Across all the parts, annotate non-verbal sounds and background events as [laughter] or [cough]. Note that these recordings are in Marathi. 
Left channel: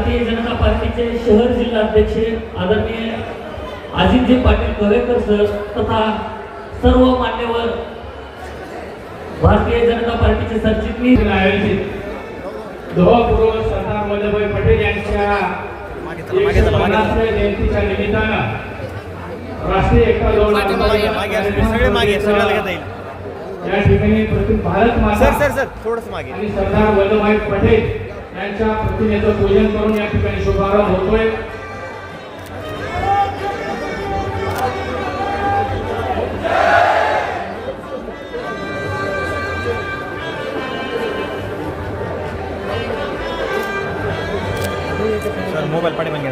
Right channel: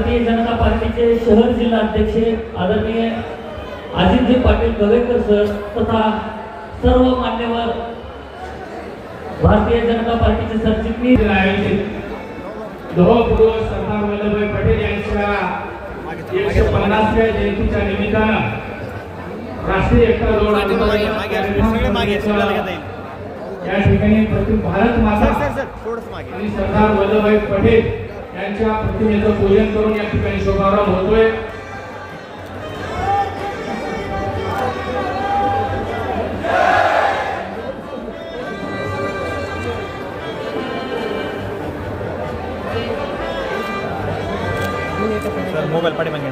भारतीय जनता पार्टीचे शहर जिल्हा अध्यक्ष आदरणीय अजितजी पाटील गोवेकर सर तथा सर्व मान्यवर भारतीय जनता पार्टीचे सरचिटणीस आयोजित लोहपुरुष सरदार वल्लभभाई पटेल यांच्या एकशे पन्नासव्या जयंतीच्या निमित्तानं राष्ट्रीय एकता दौड या ठिकाणी भारत माता आणि सरदार वल्लभभाई पटेल यांच्या प्रतिमेचं पूजन करून या ठिकाणी शुभारंभ होतोय. मोबाईल पाठी मागे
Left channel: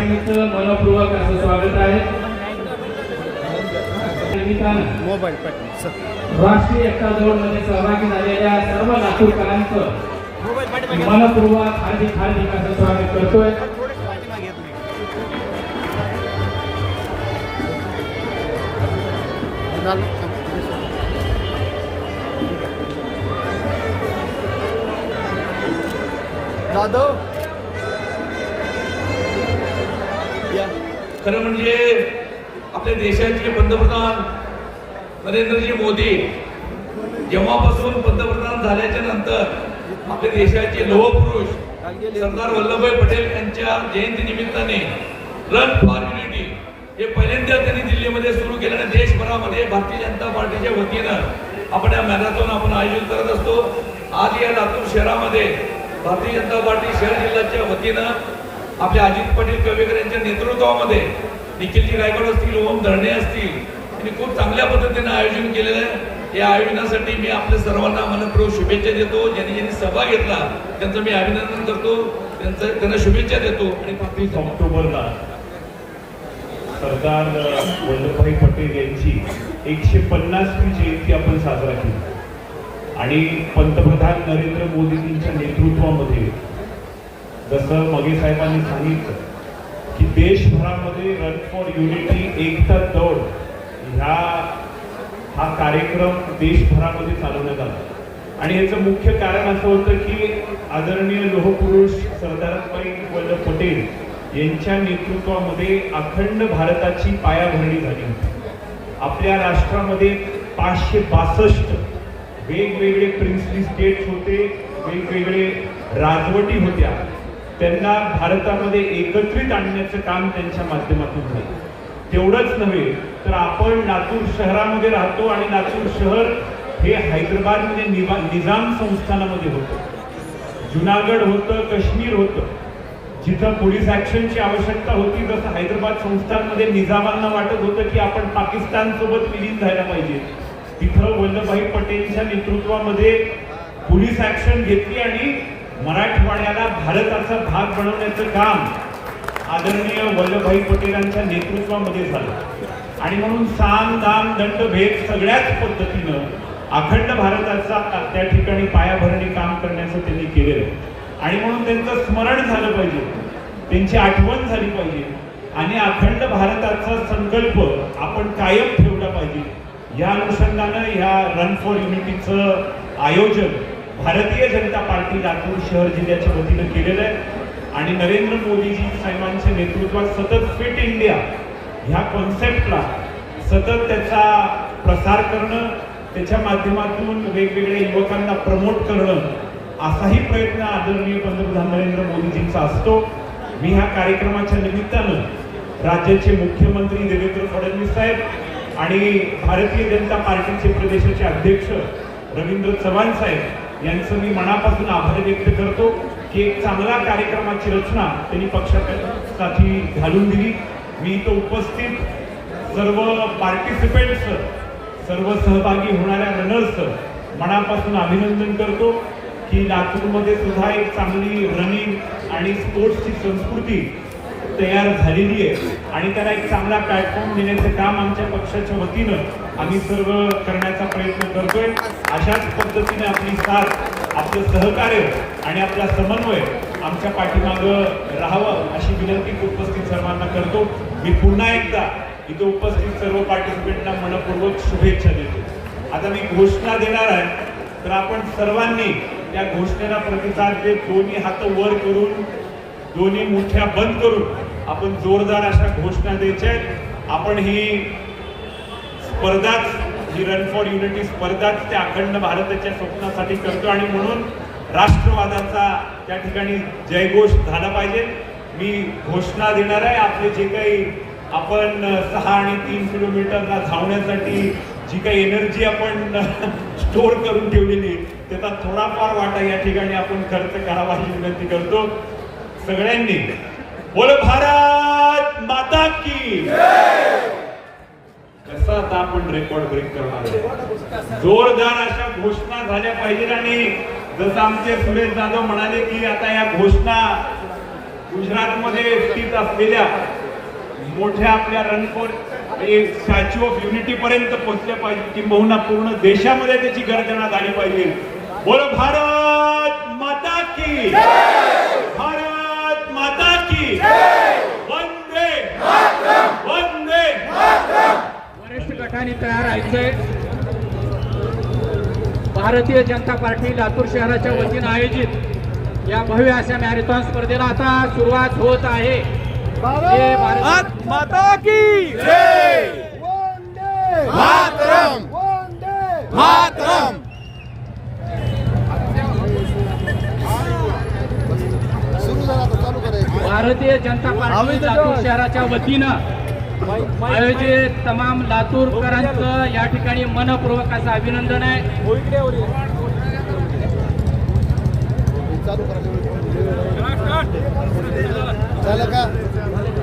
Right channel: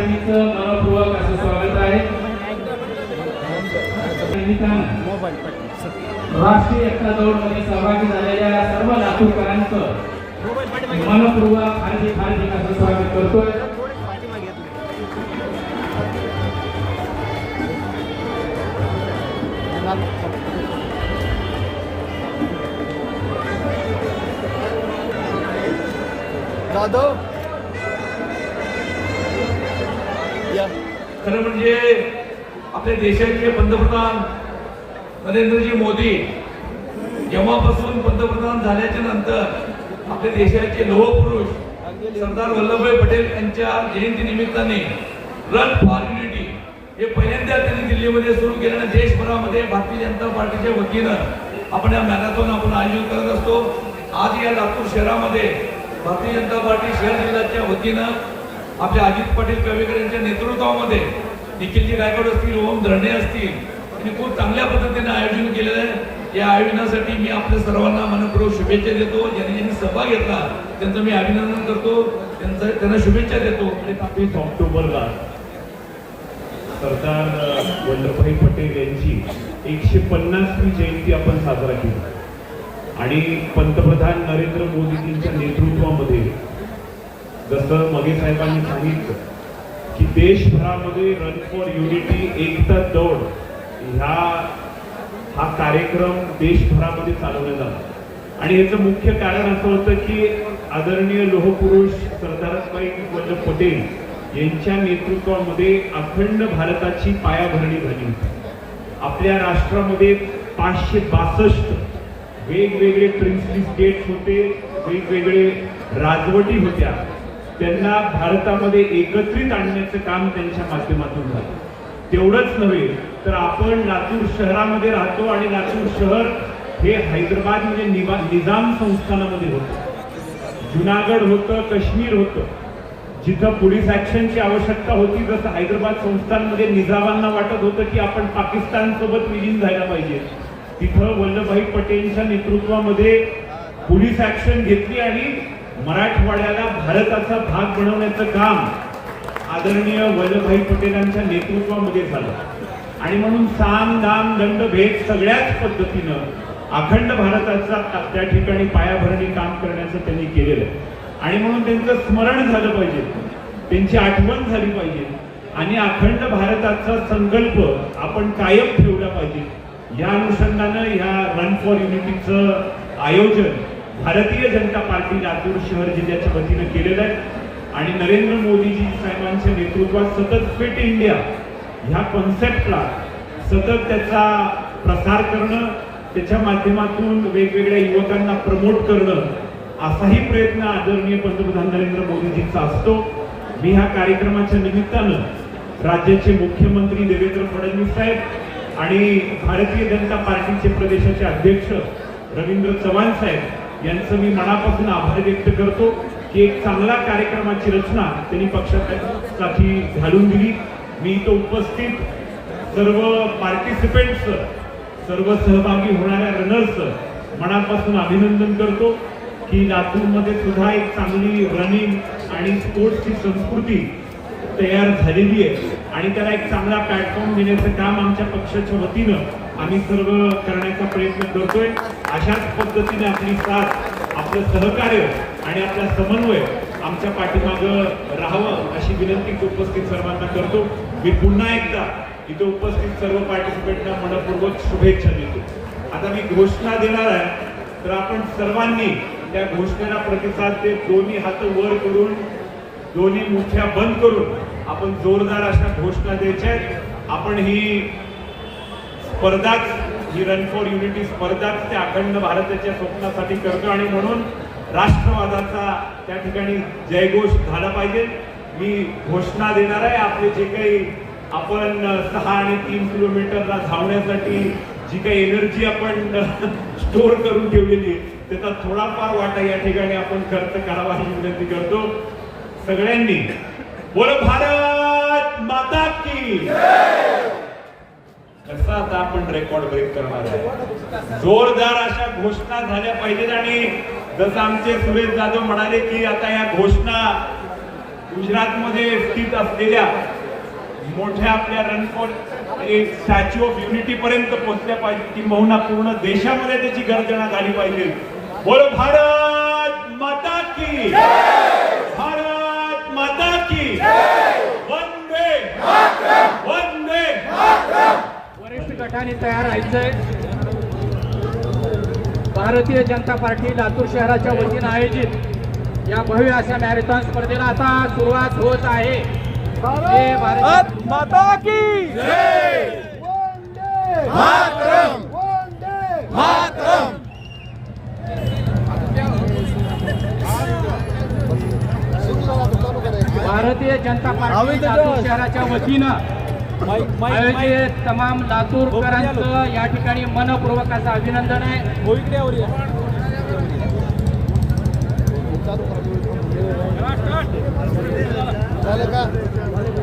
निमित्त मनपूर्वक असं स्वागत आहे. राष्ट्रीय एकता दौडमध्ये सहभागी झालेल्या सर्व लातूरकरांचं मनपूर्वक हार्दिक हार्दिक असं स्वागत करतोय. जाधव. खरं म्हणजे आपल्या देशाचे पंतप्रधान नरेंद्रजी मोदी जेव्हापासून पंतप्रधान झाल्याच्यानंतर आपल्या देशाचे लोहपुरुष सरदार वल्लभभाई पटेल यांच्या जयंती निमित्ताने रन फॉर युनिटी हे पहिल्यांदा त्यांनी दिल्लीमध्ये सुरू केलं आणि देशभरामध्ये भारतीय जनता पार्टीच्या वतीनं आपण या मॅरेथॉन आपण आयोजित करत असतो. आज या लातूर शहरामध्ये भारतीय जनता पार्टी शहर जिल्ह्याच्या वतीनं आपल्या अजित पाटील कवेकर यांच्या नेतृत्वामध्ये निखिलजी गायकवाड असतील ओम धरणे असतील यांनी खूप चांगल्या पद्धतीने आयोजन केलेलं आहे. या आयोजनासाठी मी आपल्या सर्वांना मनपूर्वक शुभेच्छा देतो. ज्यांनी ज्यांनी सभा घेतला त्यांचं मी अभिनंदन करतो. त्यांचं त्यांना शुभेच्छा देतो आणि ऑक्टोबरला सरदार वल्लभभाई पटेल यांची एकशे पन्नासवी जयंती आपण साजरा केली. आणि पंतप्रधान नरेंद्र मोदीजींच्या नेतृत्वामध्ये जसं मगे साहेबांनी सांगितलं की देशभरामध्ये रन फॉर युनिटी एकता दौड ह्या हा कार्यक्रम देशभरामध्ये चालवण्यात आला. आणि याचं मुख्य कारण असं होतं की आदरणीय लोहपुरुष सरदारभाई वल्लभ पटेल यांच्या नेतृत्वामध्ये अखंड भारताची पायाभरणी झाली होती. आपल्या राष्ट्रामध्ये पाचशे बासष्ट वेगवेगळे प्रिन्सली स्टेट्स होते वेगवेगळे राजवटी होत्या. त्यांना भारतामध्ये एकत्रित आणण्याचं काम त्यांच्या माध्यमातून झालं. तेवढंच नव्हे तर आपण लातूर शहरामध्ये राहतो आणि लातूर शहर हे हैदराबाद म्हणजे निवा- निजाम संस्थानामध्ये होतं. जुनागड होतं काश्मीर होतं. जिथं पोलीस ॲक्शनची आवश्यकता होती जसं हैदराबाद संस्थानमध्ये निजामांना वाटत होतं की आपण पाकिस्तान सोबत विलीन झाल्या पाहिजे. तिथं वल्लभभाई पटेलच्या नेतृत्वामध्ये पोलीस ऍक्शन घेतली आणि मराठवाड्याला भारताचा भाग बनवण्याचं काम आदरणीय वल्लभभाई पटेलांच्या नेतृत्वामध्ये झालं. आणि म्हणून साम दाम दंड भेद सगळ्याच पद्धतीनं अखंड भारताचा त्या ठिकाणी पायाभरणी काम करण्याचं त्यांनी केलेलं आहे. आणि म्हणून त्यांचं स्मरण झालं पाहिजे. त्यांची आठवण झाली पाहिजे. आणि अखंड भारताचा संकल्प आपण कायम ठेवला पाहिजे. या अनुषंगानं ह्या रन फॉर युनिटीचं आयोजन भारतीय जनता पार्टी लातूर शहर जिल्ह्याच्या वतीनं केलेलं आहे. आणि नरेंद्र मोदीजी साहेबांच्या नेतृत्वात सतत फिट इंडिया ह्या कॉन्सेप्टला सतत त्याचा प्रसार करणं त्याच्या माध्यमातून वेगवेगळ्या युवकांना प्रमोट करणं असाही प्रयत्न आदरणीय पंतप्रधान नरेंद्र मोदीजींचा असतो. मी ह्या कार्यक्रमाच्या निमित्तानं राज्याचे मुख्यमंत्री देवेंद्र फडणवीस साहेब आणि भारतीय जनता पार्टीचे प्रदेशाचे अध्यक्ष रवींद्र चव्हाण साहेब यांचं मी मनापासून आभार व्यक्त करतो की एक चांगला कार्यक्रमाची रचना त्यांनी पक्षासाठी घालून दिली. मी तो उपस्थित सर्व पार्टिसिपेंट्स सर्व सहभागी होणाऱ्या रनर्स मनापासून अभिनंदन करतो की लातूरमध्ये सुद्धा एक चांगली रनिंग आणि स्पोर्ट्सची संस्कृती तयार झालेली आहे. आणि त्याला एक चांगला प्लॅटफॉर्म देण्याचं काम आमच्या पक्षाच्या वतीनं आम्ही सर्व करण्याचा प्रयत्न करतोय. अशाच पद्धतीने आपली साथ आपलं सहकार्य आणि आपला समन्वय आमच्या पाठीमागं राहावं अशी विनंती उपस्थित सर्वांना करतो. मी पुन्हा एकदा इथे उपस्थित सर्व पार्टिसिपेंटना मनपूर्वक शुभेच्छा देतो. आता मी घोषणा देणार आहे तर आपण सर्वांनी त्या घोषणेला प्रतिसाद देत दोन्ही हात वर करून दोन्ही मुठ्या बंद करून आपण जोरदार अशा घोषणा द्यायच्या आपण ही स्पर्धाच ही रन फॉर युनिटी स्पर्धाच त्या अखंड भारताच्या स्वप्नासाठी करतो आणि म्हणून राष्ट्रवादाचा त्या ठिकाणी जयघोष झाला पाहिजे. मी घोषणा देणार आहे आपले जे काही आपण सहा आणि तीन किलोमीटरला धावण्यासाठी जी काही एनर्जी आपण स्टोअर करून ठेवलेली त्याचा थोडाफार वाटा या ठिकाणी आपण खर्च करावा अशी विनंती करतो. सगळ्यांनी बोल भारत माता की कसा आता आपण रेकॉर्ड ब्रेक करणार आहे जोरदार अशा घोषणा झाल्या पाहिजेत आणि जसं आमचे सुरेश जाधव म्हणाले की आता या घोषणा गुजरातमध्ये स्थित असलेल्या मोठ्या आपल्या रणफोर स्टॅच्यू ऑफ युनिटी पर्यंत पोहोचल्या पाहिजे किंबहुना पूर्ण देशामध्ये त्याची गर्जना झाली पाहिजे. बोलो भारत माता की. भारत माता की. वंदे वंदे गटाने तयार राहायचंय. भारतीय जनता पार्टी लातूर शहराच्या वतीनं आयोजित या भव्य अशा मॅरेथॉन स्पर्धेला आता सुरुवात होत आहे. हे भारत माता की मातरम! मातरम! भारतीय जनता पार्टी शहराच्या वतीनं आयोजित तमाम लातूरकरांचं या. ठिकाणी मनपूर्वक असं अभिनंदन आहे.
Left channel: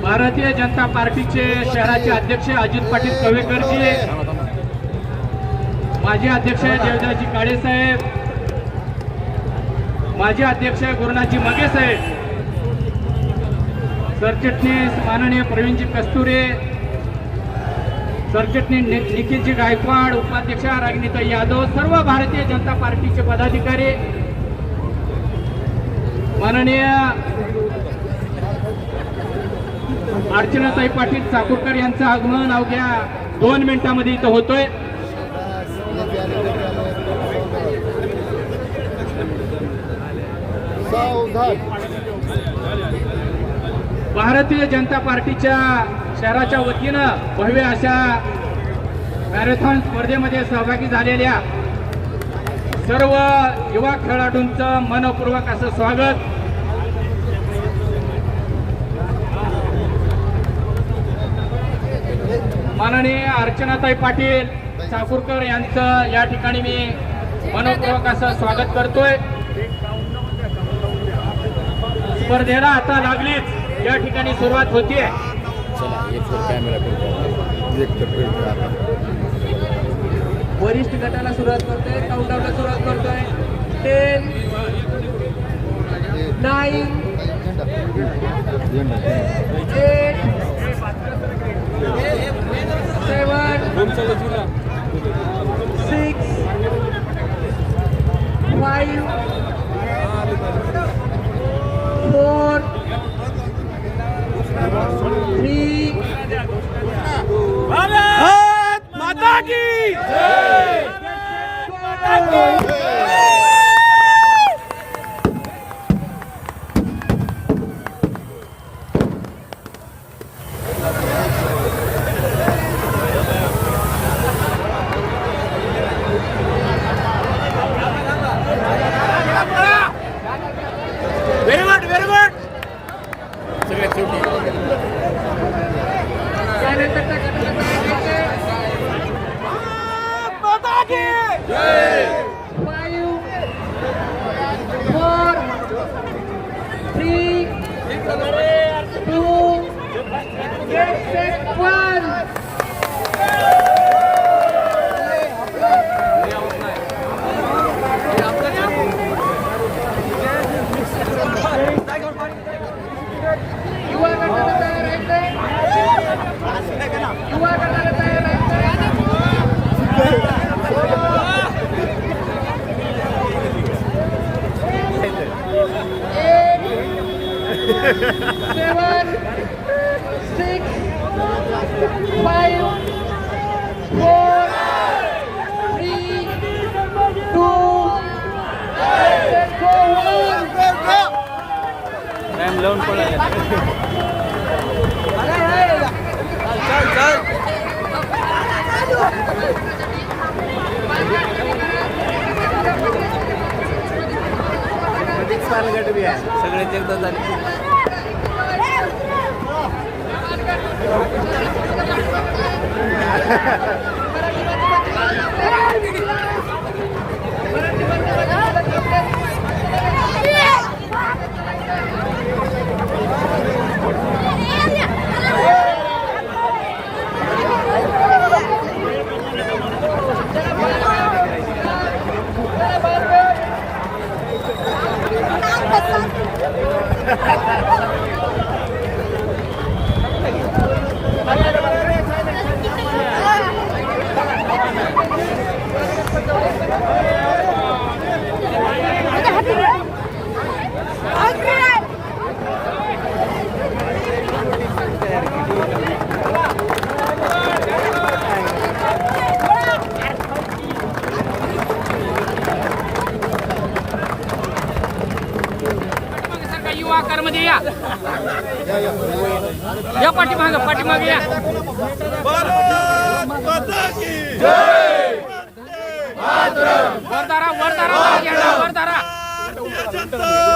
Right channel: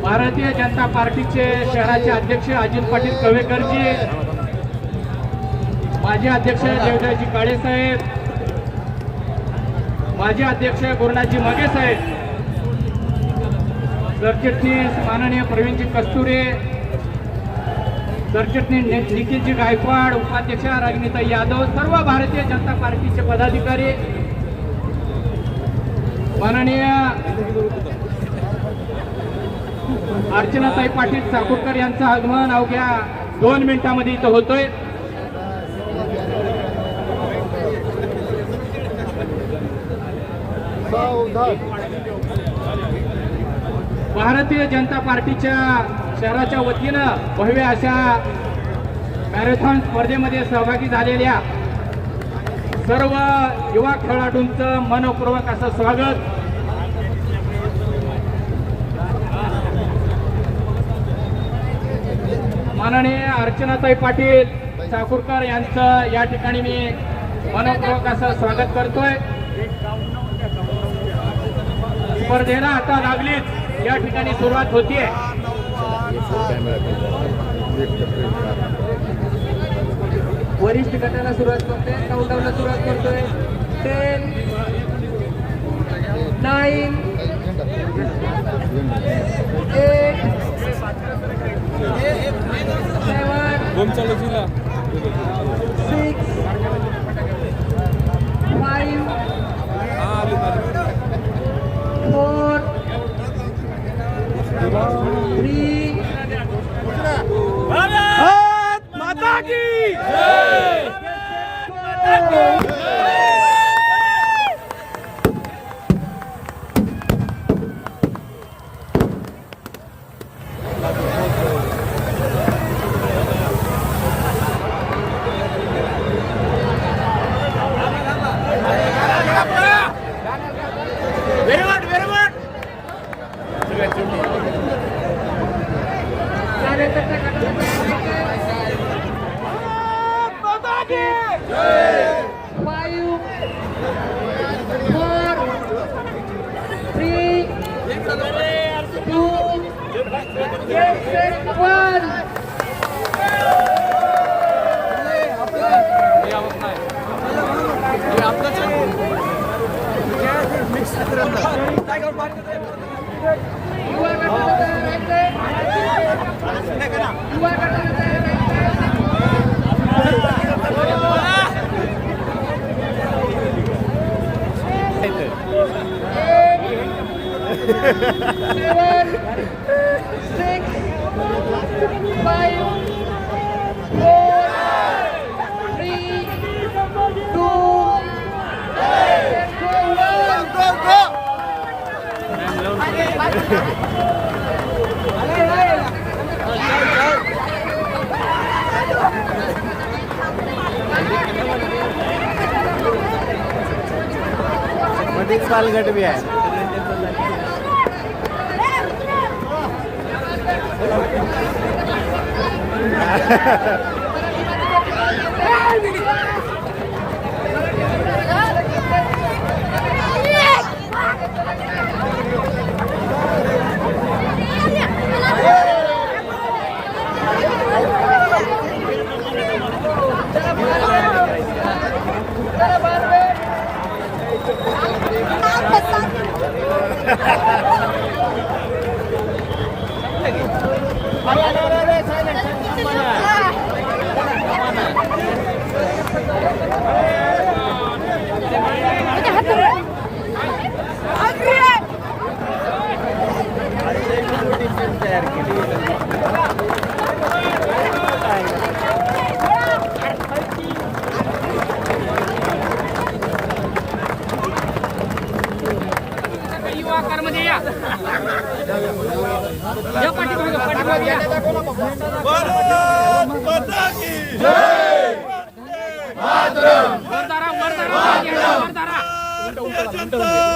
भारतीय जनता पार्टीचे शहराचे अध्यक्ष अजित पाटील कवेकरजी माजी अध्यक्ष देवदासजी काळे साहेब माजी अध्यक्ष गुरुनाथजी मगे साहेब सरचिटणीस माननीय प्रवीणजी कस्तुरे सरचिटणीस निखिलजी गायकवाड उपाध्यक्ष रागिनीता यादव सर्व भारतीय जनता पार्टीचे पदाधिकारी. माननीय अर्चनाताई पाटील चाकूरकर यांचं आगमन अवघ्या दोन मिनिटांमध्ये इथं होतोय. भारतीय जनता पार्टीच्या शहराच्या वतीनं भव्य अशा मॅरेथॉन स्पर्धेमध्ये सहभागी झालेल्या सर्व युवा खेळाडूंचं मनपूर्वक असं स्वागत. माननीय अर्चनाताई पाटील चाकूरकर यांचं या ठिकाणी मी मनपूर्वक असं स्वागत करतोय. स्पर्धेला आता लागलीच. या ठिकाणी सुरुवात होतीये. वरिष्ठ गटाला सुरुवात करतोय काउंटडाऊनला सुरुवात करतोय ten nine eight seven Bharat Mata payung four three two one Dua kata kata, dua kata युवा [laughs]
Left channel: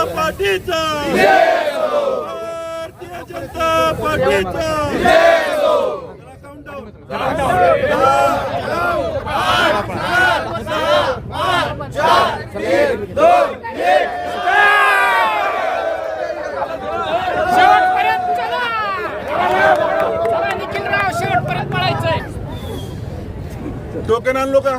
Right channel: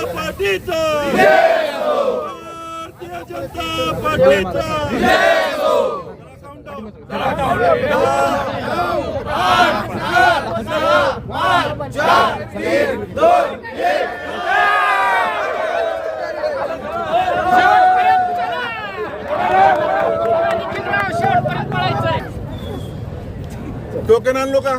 जनता पार्टीचा भारतीय जनता पार्टीचा टोकन आणलो का?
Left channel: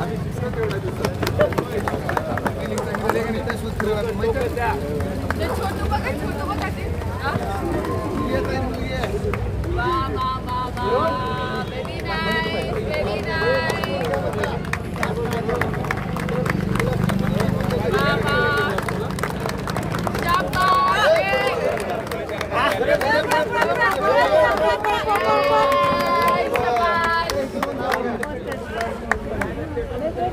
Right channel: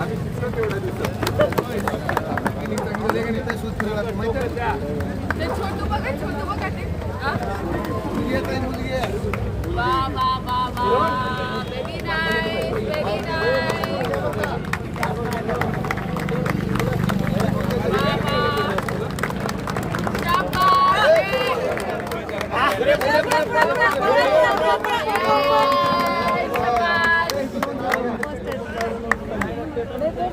आम्ही नंबर तेवढा दिसतो सगळ्याकडे ते सूज फिरवला तो माहिती आहे छोटू बघा छोटू बघा ते Bye.